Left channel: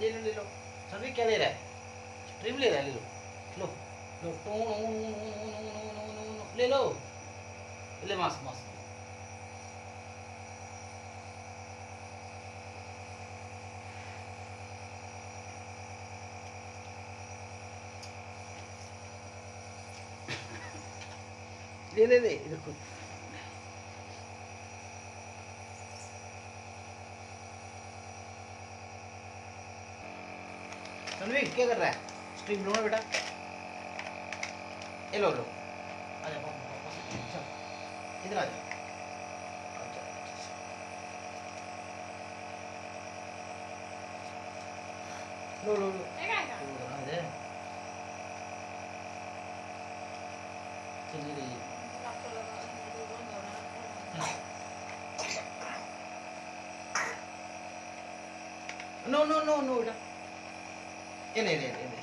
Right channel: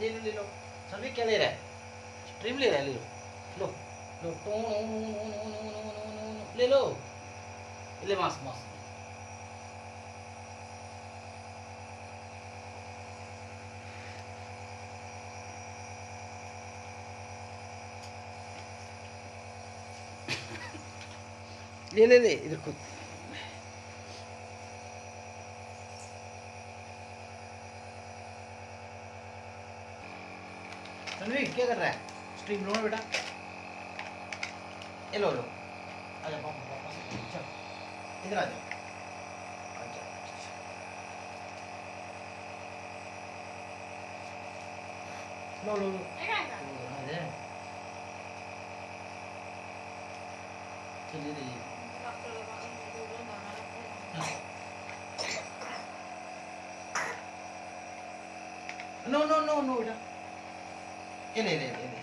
ले लो ले लो। सभी क्या ले रहा है? स्ट्रीम ले रहा है, ले लो। लो लो ले लो। ले मस्त मस्त। ले ले ले इधर खुद। रणवीर क्या कर रहा है? स्ट्रीम लो ना बेटा। ये लो लो। आजा पापा चल इधर आ जा। लो लो लो आ जा। चलिए चलिए। नो नो नो नो बेटा। ये ले ले ले ले।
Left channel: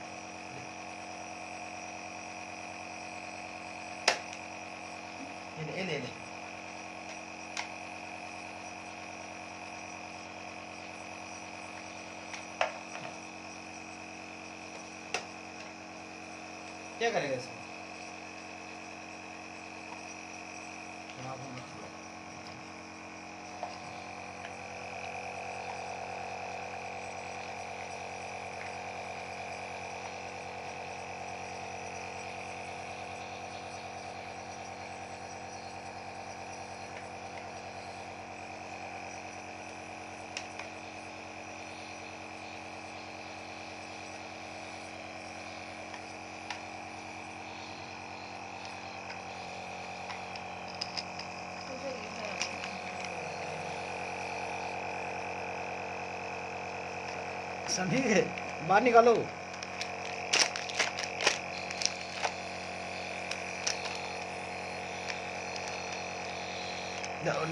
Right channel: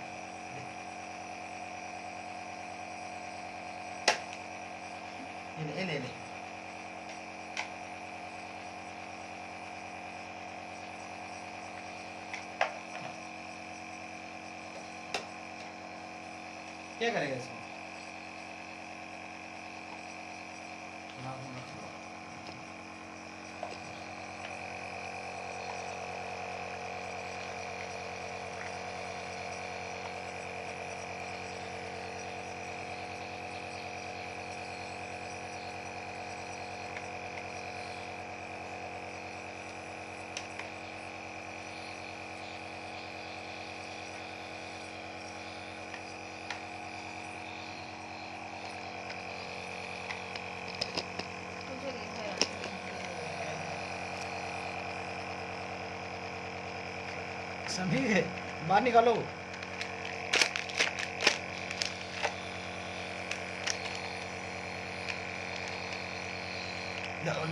ये ले ले। क्या करेगा इसमें? समझे? बाहर निकालो।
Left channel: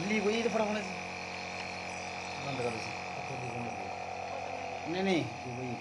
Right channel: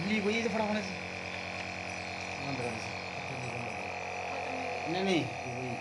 ली वही तो फटाफट से बंद कर। नहीं नहीं वही